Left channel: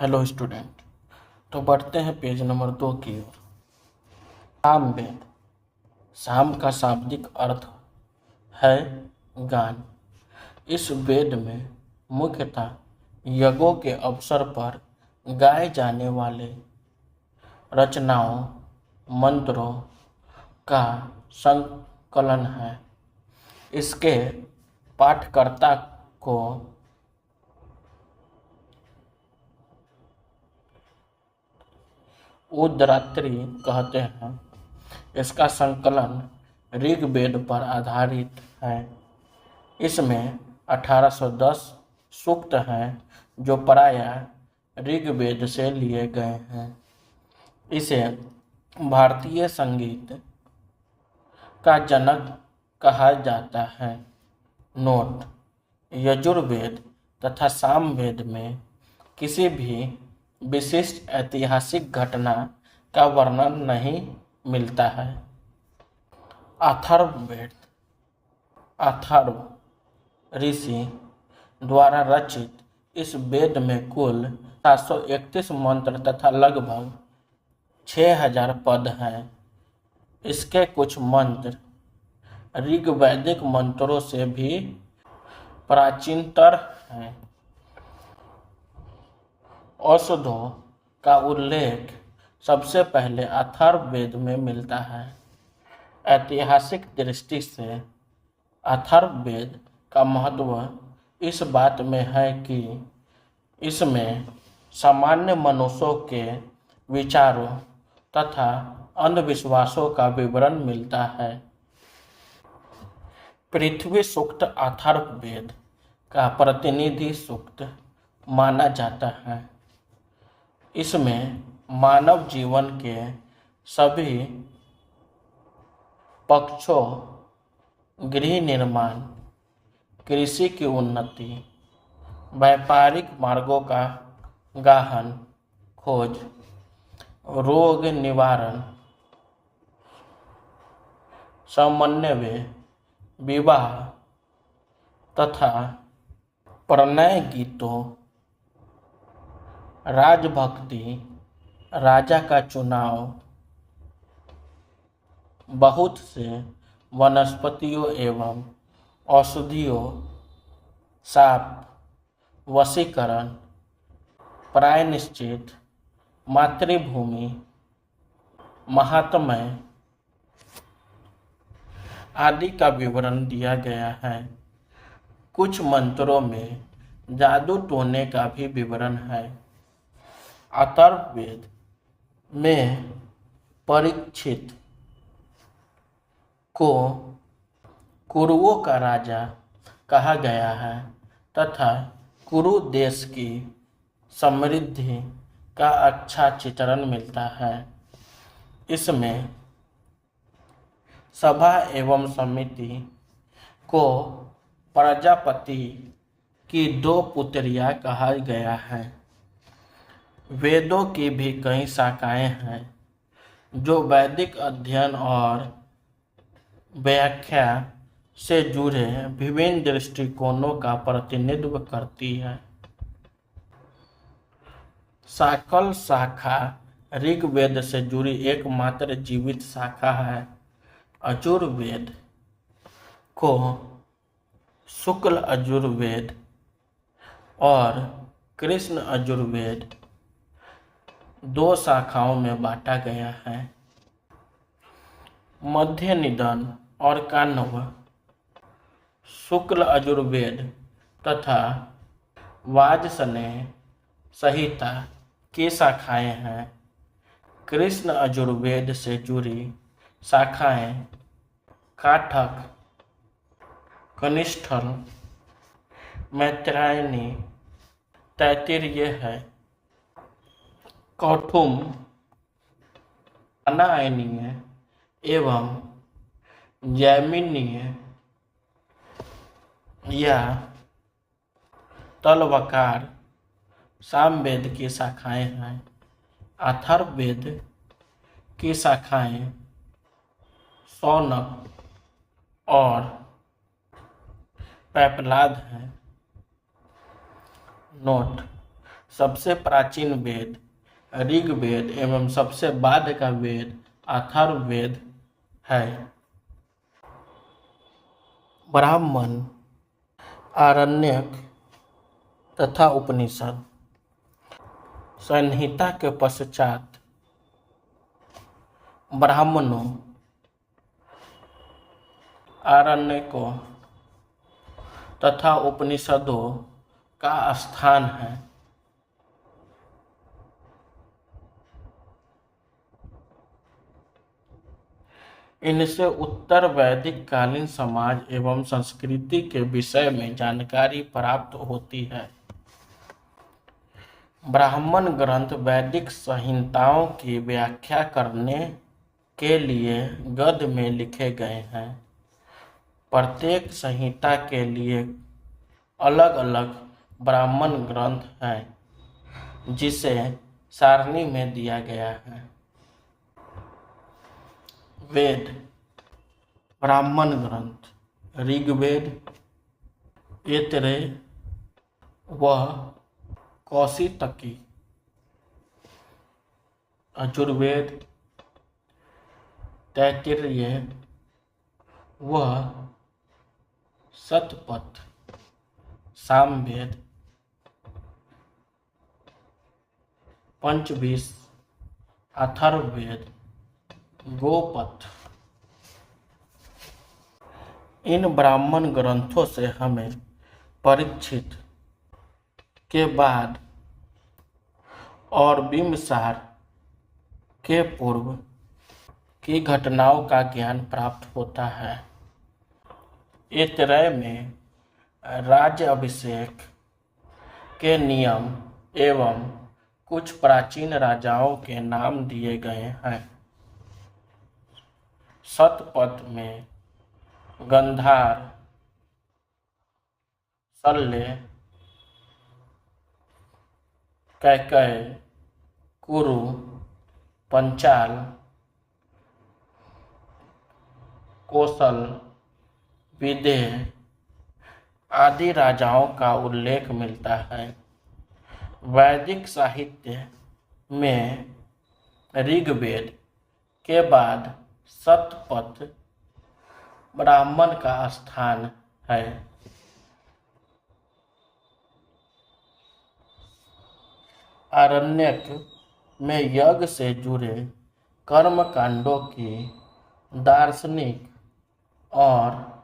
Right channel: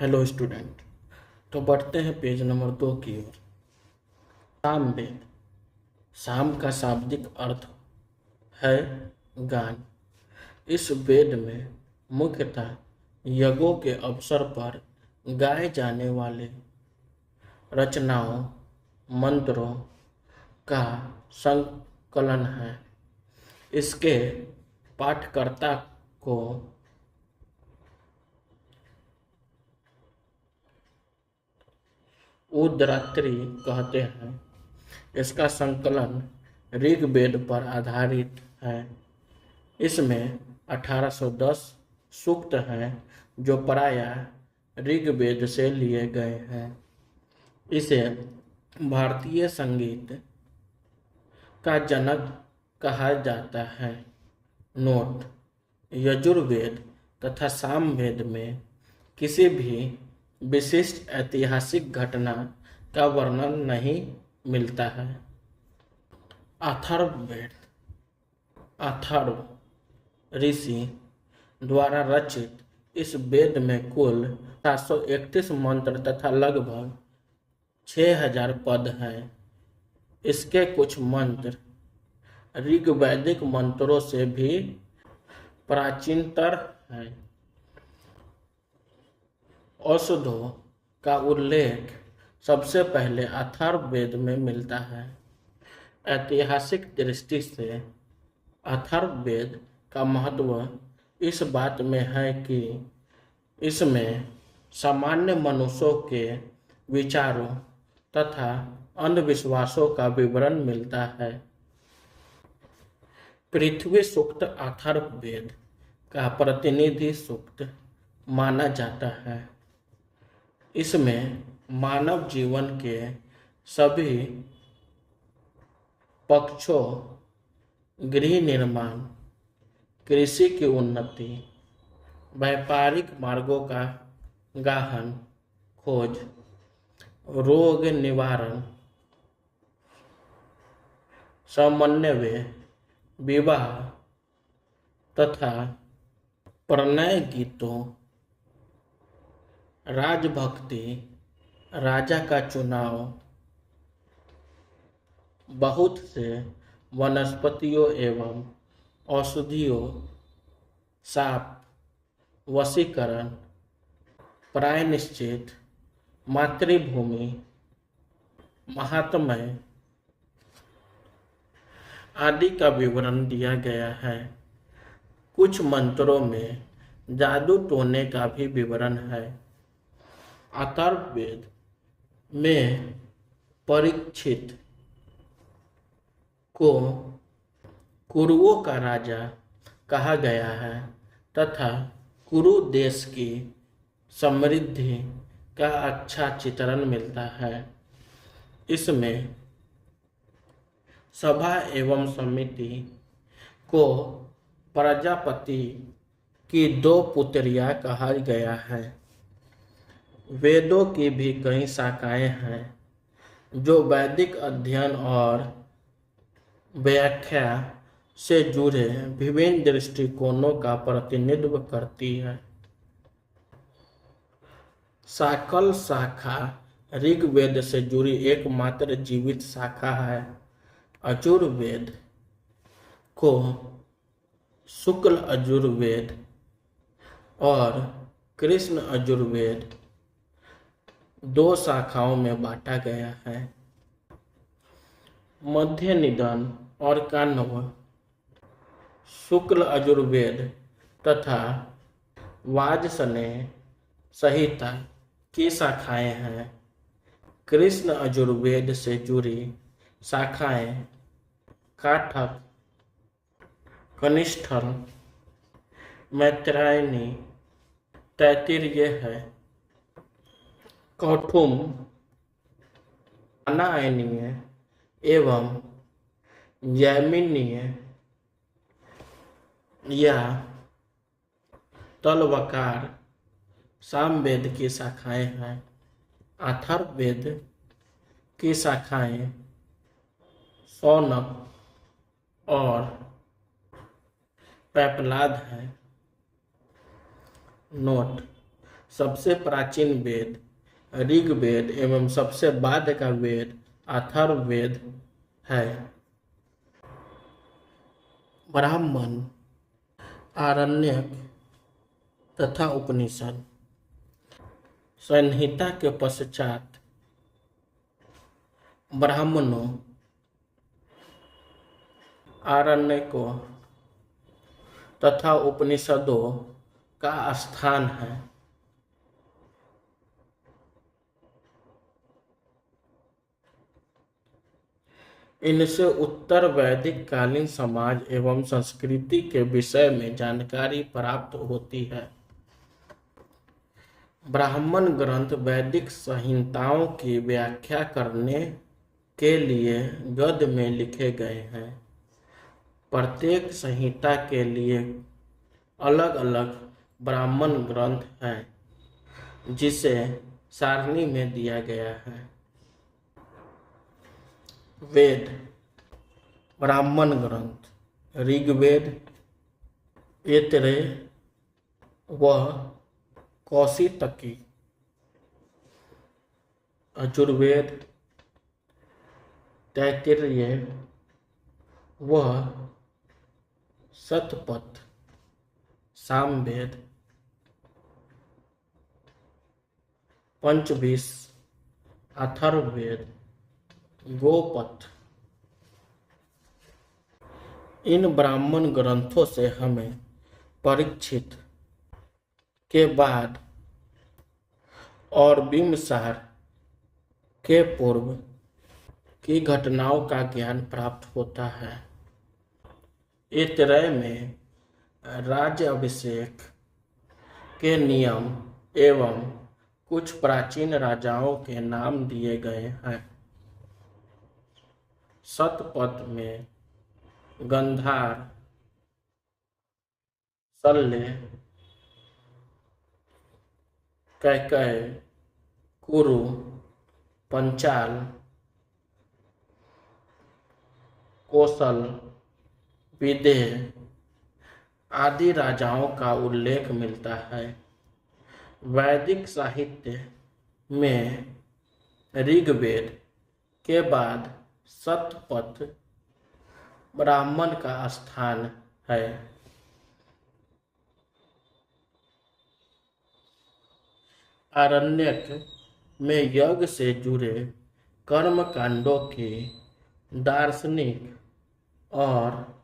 Hello student. तो बढ़ते हैं पेज नंबर 2 की ओर। साम वेद। साम का शाब्दिक अर्थ है गान। इस वेद में मुख्यतः यज्ञों के अवसर पर गाए जाने वाले रचनाओं मंत्रों का संकलन है। इसके पाठकर्ता को उद्रात्री कहते हैं। इसका संकलन ऋग्वेद पर आधारित है। इसमें 1810 सूक्त हैं जो प्रायः ऋग्वेद से लिए गए हैं। इसे भारतीय संगीत का जनक कहा जाता है। नोट: यजुर्वेद तथा सामवेद में किसी भी विशिष्ट ऐतिहासिक घटना का वर्णन नहीं मिलता है। अथर्ववेद अथर्व ऋषि द्वारा रचित इस वेद में कुल 731 मंत्र तथा लगभग 6000 पद हैं। इसके कुछ मंत्र ऋग्वैदिक मंत्रों से भी प्राचीनतर हैं। औषधों का उल्लेख सबसे पहले अथर्ववेद में मिलता है। ऐतिहासिक दृष्टि से अथर्ववेद का महत्व इस बात में है कि इसमें सामान्य मनुष्यों के विचारों तथा अंधविश्वासों का विवरण मिलता है। पृथ्वी सूक्त अथर्ववेद का प्रतिनिधि सूक्त माना जाता है। इसमें मानव जीवन के सभी पक्षों, गृह निर्माण, कृषि की उन्नति, व्यापारिक मार्गों का गहन खोज, रोग निवारण, समन्वय, विवाह तथा प्रणय गीतों, राजभक्ति, राजा का चुनाव, बहुत से वनस्पतियों एवं औषधियों, शाप, वशीकरण, प्रायश्चित, मातृभूमि, महात्म्य आदि का विवरण दिया गया है। कुछ मंत्रों में जादू टोने का भी विवरण है। अथर्ववेद में परीक्षित को कुरुओं का राजा कहा गया है तथा कुरु देश की समृद्धि का अच्छा चित्रण मिलता है। इसमें सभा एवं समिति को प्रजापति की 2 पुत्रियां कहा गया है। वेदों की भी कई शाखाएं हैं जो वैदिक अध्ययन और व्याख्या से जुड़े विभिन्न दृष्टिकोणों का प्रतिनिधित्व करती है। शाकल शाखा ऋग्वेद से जुड़ी एकमात्र जीवित शाखा है। यजुर्वेद को शुक्ल यजुर्वेद और कृष्ण यजुर्वेद 2 शाखाओं में बांटा गया है। मध्य निदान और काण्व शुक्ल यजुर्वेद तथा वाजसनेय संहिता की शाखाएं हैं। कृष्ण यजुर्वेद से जुड़ी शाखाएं काठक, कनिष्ठल, मैत्रायणी, तैत्तिरीय है। कौटुंब, अनायनीय एवं जैमिनीय या तलवकार सामवेद की शाखाएं हैं। अथर्ववेद की शाखाएं शौनक और पैपलाद हैं। नोट: सबसे प्राचीन वेद ऋग्वेद एवं सबसे बाद का वेद अथर्ववेद है। ब्राह्मण, आरण्यक तथा उपनिषद। संहिता के पश्चात ब्राह्मणों, आरण्यकों तथा उपनिषदों का स्थान है। इनसे उत्तर वैदिक कालीन समाज एवं संस्कृति के विषय में जानकारी प्राप्त होती है। ब्राह्मण ग्रंथ वैदिक संहिताओं की व्याख्या करने के लिए गद्य में लिखे गए हैं। प्रत्येक संहिता के लिए अलग अलग ब्राह्मण ग्रंथ है, जिसे सारणी में दिया गया है। वेद, ब्राह्मण ग्रंथ ऋग्वेद, ऐतरेय व कौशितकी, यजुर्वेद, तैत्तिरीय व शतपथ, सामवेद, पंचविंश, अथर्ववेद, गोपथ। इन ब्राह्मण ग्रंथों से हमें परीक्षित के बाद और बिंबिसार के पूर्व की घटनाओं का ज्ञान प्राप्त होता है। ऐतरेय में राज्य अभिषेक के नियम एवं कुछ प्राचीन राजाओं के नाम दिए गए हैं। शतपथ में गंधार, शल्य, कैकेय, कुरु, पंचाल, कौशल, विदेह आदि राजाओं का उल्लेख मिलता है। वैदिक साहित्य में ऋग्वेद के बाद शतपथ ब्राह्मण का स्थान है। आरण्यक में यज्ञ से जुड़े कर्म कांडों की दार्शनिक और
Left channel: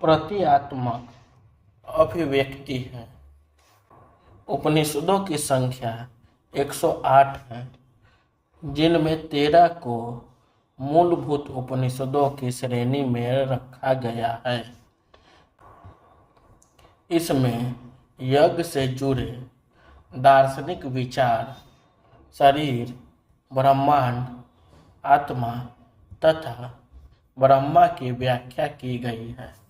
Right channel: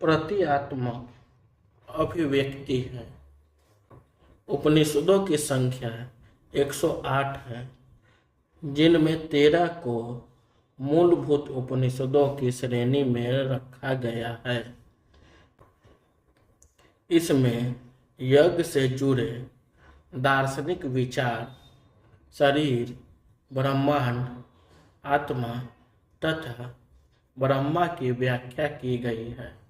प्रतीकात्मक अभिव्यक्ति है। उपनिषदों की संख्या 108 है, जिनमें 13 को मूलभूत उपनिषदों की श्रेणी में रखा गया है। इसमें यज्ञ से जुड़े दार्शनिक विचार, शरीर, ब्रह्मांड, आत्मा तथा ब्रह्मा की व्याख्या की गई है।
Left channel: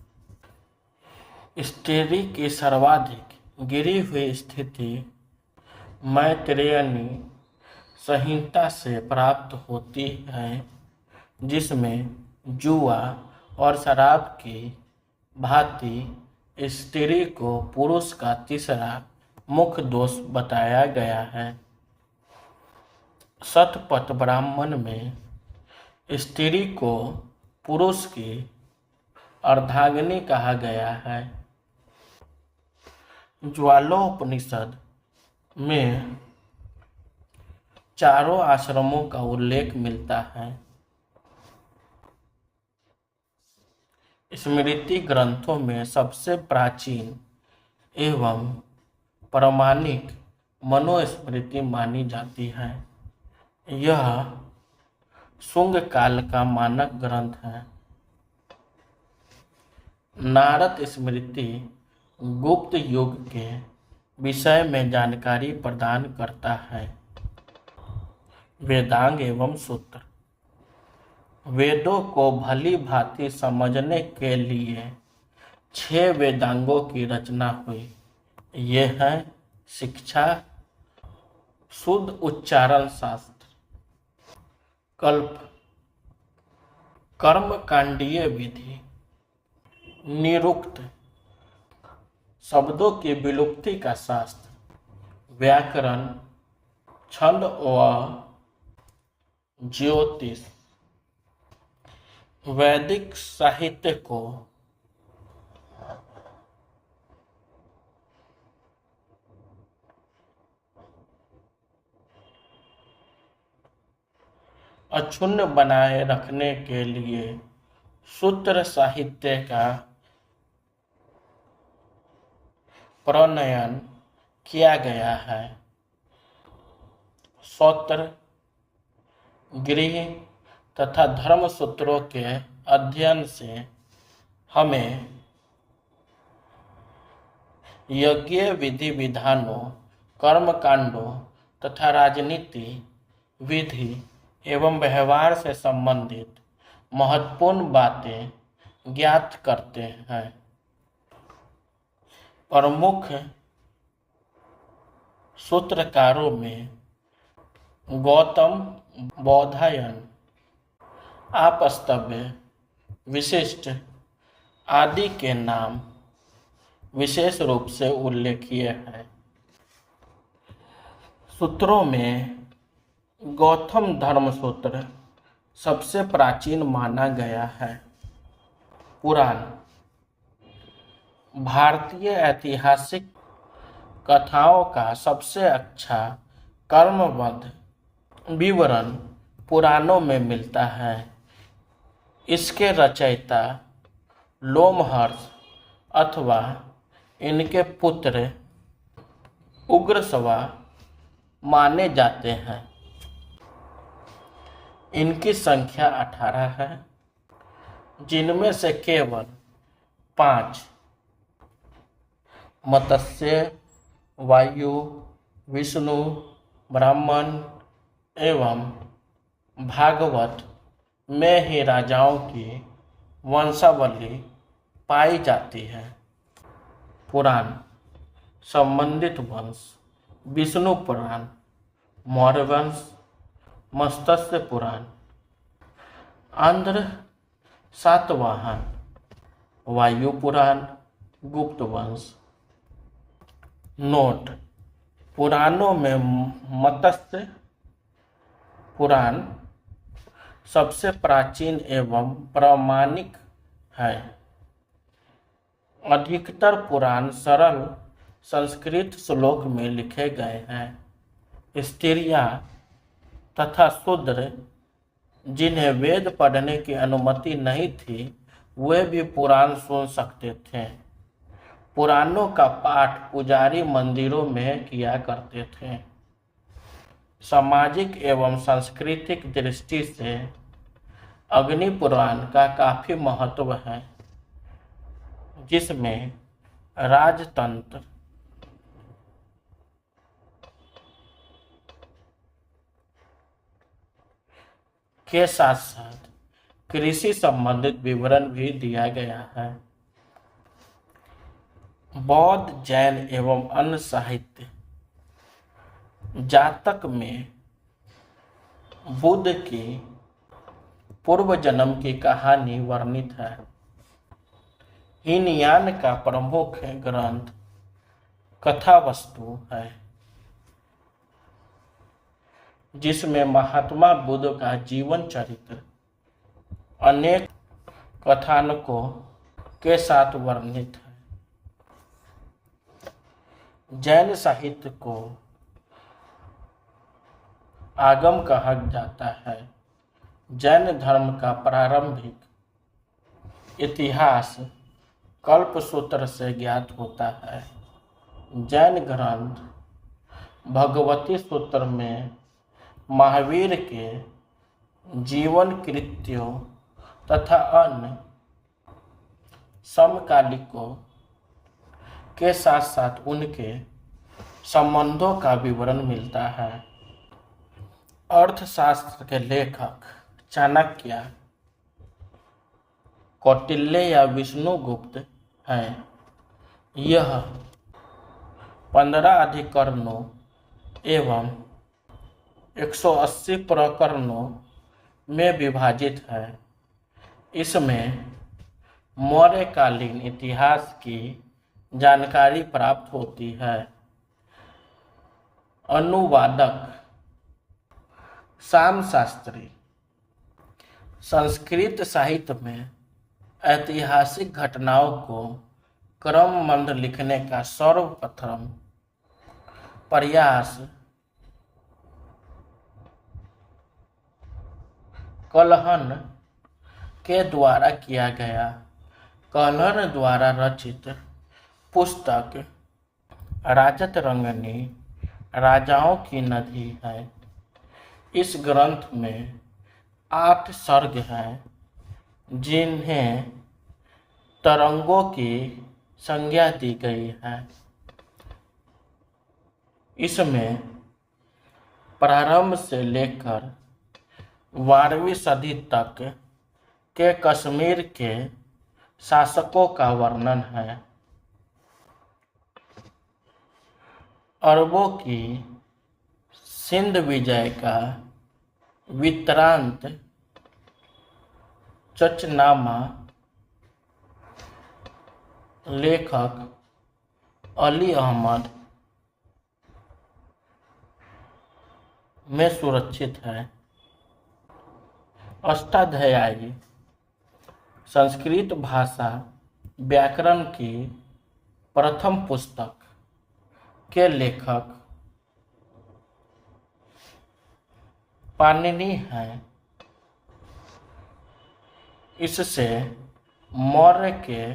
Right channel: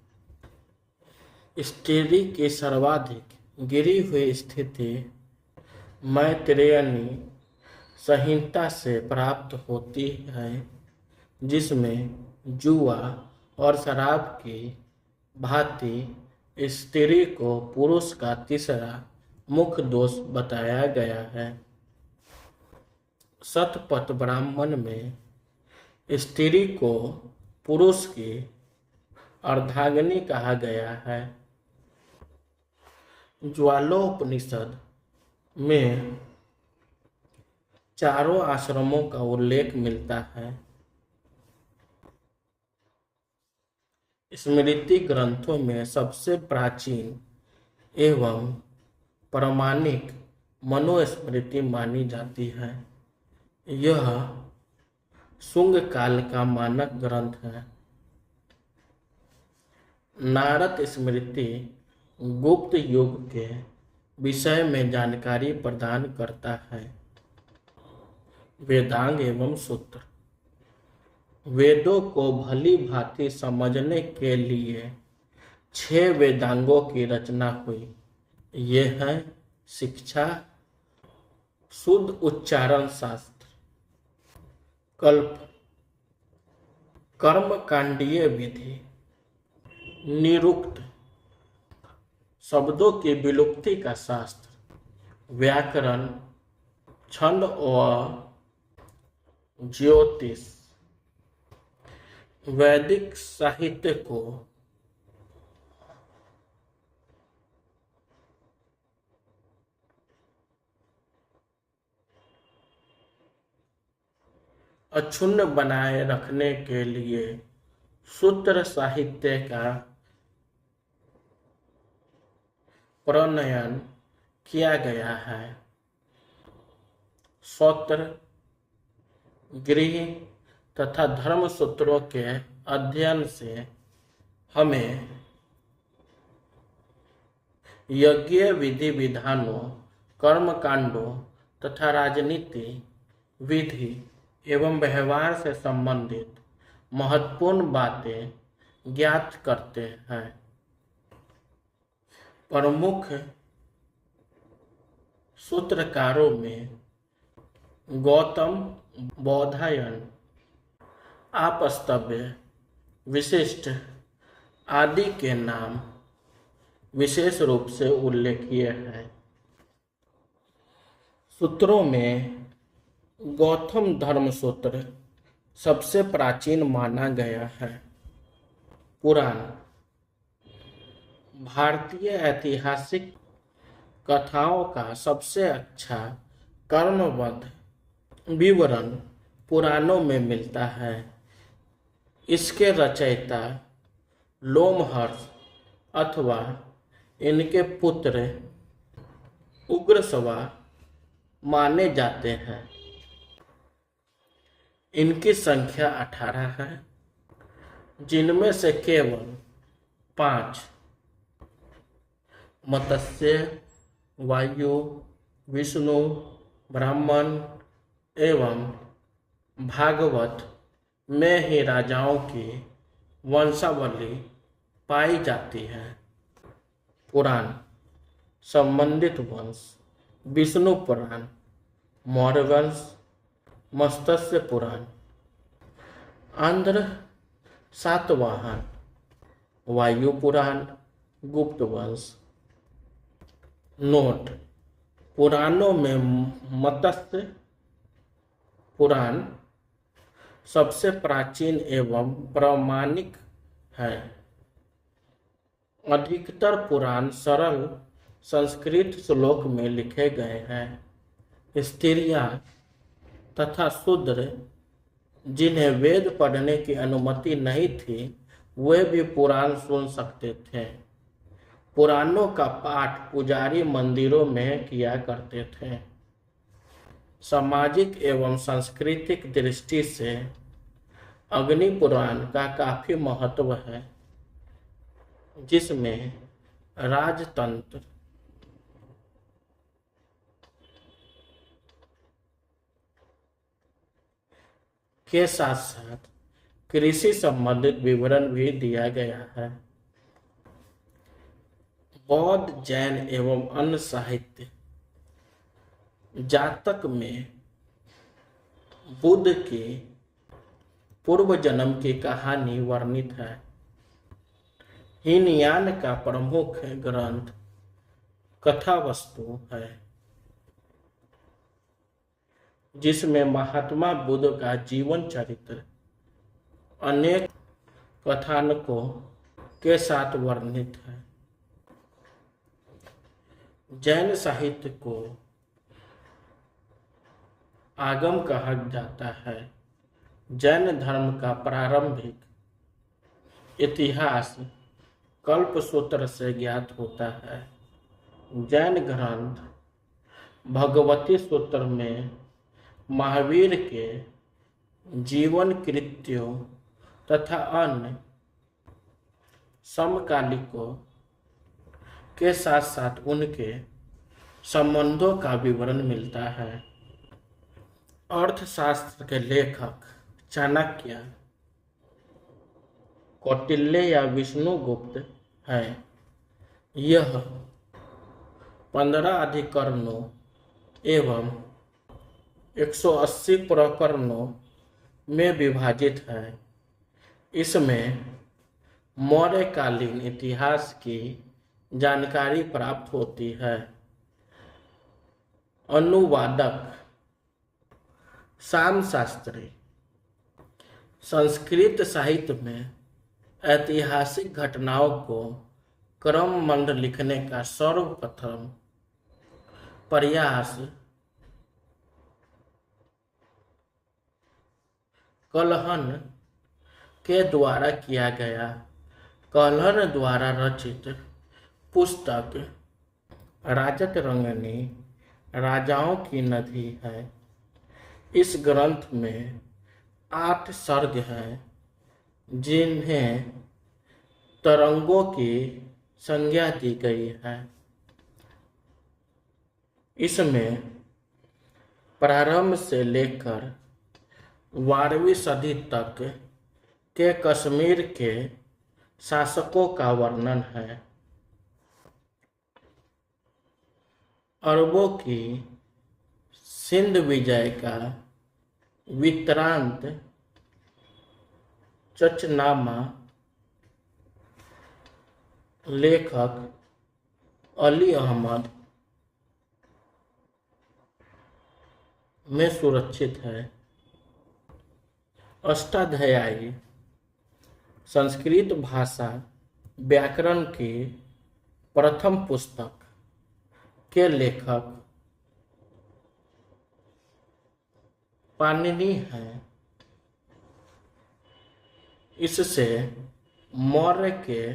स्त्री की सर्वाधिक गिरी हुई स्थिति मैत्रेयनी संहिता से प्राप्त होती है, जिसमें जुआ और शराब की भांति स्त्री को पुरुष का तीसरा मुख्य दोष बताया गया है। शतपथ ब्राह्मण में स्त्री को पुरुष की अर्धांगिनी कहा गया है। ज्वालोपनिषद में चारों आश्रमों का उल्लेख मिलता है। स्मृति ग्रंथों में सबसे प्राचीन एवं प्रामाणिक मनुस्मृति मानी जाती है। यह शुंग काल का मानक ग्रंथ है। नारद स्मृति गुप्त युग के विषय में जानकारी प्रदान करता है। वेदांग एवं सूत्र। वेदों को भली भांति समझने के लिए 6 वेदांगों की रचना हुई। ये हैं शिक्षा, शुद्ध उच्चारण शास्त्र। कल्प कर्मकांडीय विधि। निरुक्त शब्दों की विलुप्ति का शास्त्र। व्याकरण, छंद व ज्योतिष। वैदिक साहित्य को अक्षुण्ण बनाए रखने के लिए सूत्र साहित्य का प्रणयन किया गया है। सूत्र, गृह तथा धर्म सूत्रों के अध्ययन से हमें यज्ञ विधि विधानों, कर्मकांडों तथा राजनीति विधि एवं व्यवहार से संबंधित महत्वपूर्ण बातें ज्ञात करते हैं। प्रमुख सूत्रकारों में गौतम, बौधायन, आपस्तव्य, विशिष्ट आदि के नाम विशेष रूप से उल्लेखनीय हैं। सूत्रों में गौतम धर्म सूत्र सबसे प्राचीन माना गया है। पुराण भारतीय ऐतिहासिक कथाओं का सबसे अच्छा कर्मबद्ध विवरण पुराणों में मिलता है। इसके रचयिता लोमहर्ष अथवा इनके पुत्र उग्रश्रवा माने जाते हैं। इनकी संख्या 18 है, जिनमें से केवल 5 मत्स्य, वायु, विष्णु, ब्राह्मण एवं भागवत में ही राजाओं की वंशावली पाई जाती है। पुराण संबंधित वंश: विष्णु पुराण, मौर्य वंश, मत्स्य पुराण, आंध्र सातवाहन, वायु पुराण, गुप्त वंश। नोट: पुराणों में मत्स्य पुराण सबसे प्राचीन एवं प्रामाणिक है। अधिकतर पुराण सरल संस्कृत श्लोक में लिखे गए हैं। स्त्रियां तथा शूद्र जिन्हें वेद पढ़ने की अनुमति नहीं थी, वे भी पुराण सुन सकते थे। पुराणों का पाठ पुजारी मंदिरों में किया करते थे। सामाजिक एवं सांस्कृतिक दृष्टि से अग्नि पुराण का काफी महत्व है, जिसमें राजतंत्र, के साथ साथ कृषि संबंधित विवरण भी दिया गया है। बौद्ध, जैन एवं अन्य साहित्य जातक में बुद्ध की पूर्व जन्म की कहानी वर्णित है। हीनयान का प्रमुख ग्रंथ कथावस्तु है, जिसमें महात्मा बुद्ध का जीवन चरित्र अनेक कथानकों के साथ वर्णित है। जैन साहित्य को आगम कहा जाता है। जैन धर्म का प्रारंभिक इतिहास कल्पसूत्र से ज्ञात होता है। जैन ग्रंथ भगवती सूत्र में महावीर के जीवन कृत्यों तथा अन्य समकालिकों के साथ साथ उनके संबंधों का विवरण मिलता है। अर्थशास्त्र के लेखक चाणक्य, कौटिल्य या विष्णुगुप्त हैं। यह 15 अधिकरणों एवं 180 प्रकरणों में विभाजित है। इसमें मौर्यकालीन इतिहास की जानकारी प्राप्त होती है। अनुवादक श्याम शास्त्री। संस्कृत साहित्य में ऐतिहासिक घटनाओं को क्रमबद्ध लिखने का सर्वप्रथम प्रयास कल्हण के द्वारा किया गया। कल्हण द्वारा रचित पुस्तक राजतरंगिणी राजाओं की नदी है। इस ग्रंथ में 8 सर्ग हैं जिन्हें तरंगों की संज्ञा दी गई है। इसमें प्रारंभ से लेकर 12वीं सदी तक के कश्मीर के शासकों का वर्णन है। अरबों की सिंध विजय का वृत्तांत चचनामा लेखक अली अहमद में सुरक्षित है। अष्टाध्यायी संस्कृत भाषा व्याकरण की प्रथम पुस्तक के लेखक पाणिनि हैं। इससे मौर्य के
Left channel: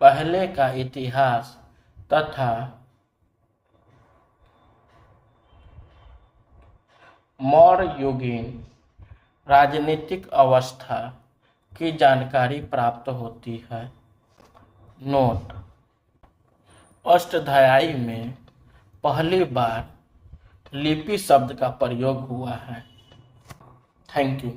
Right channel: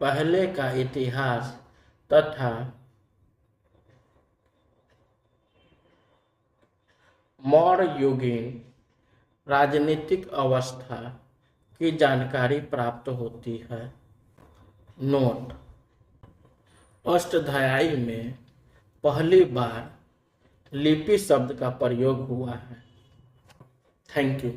पहले का इतिहास तथा मौर्ययुगीन राजनीतिक अवस्था की जानकारी प्राप्त होती है। नोट: अष्टाध्यायी में पहली बार लिपि शब्द का प्रयोग हुआ है। Thank you.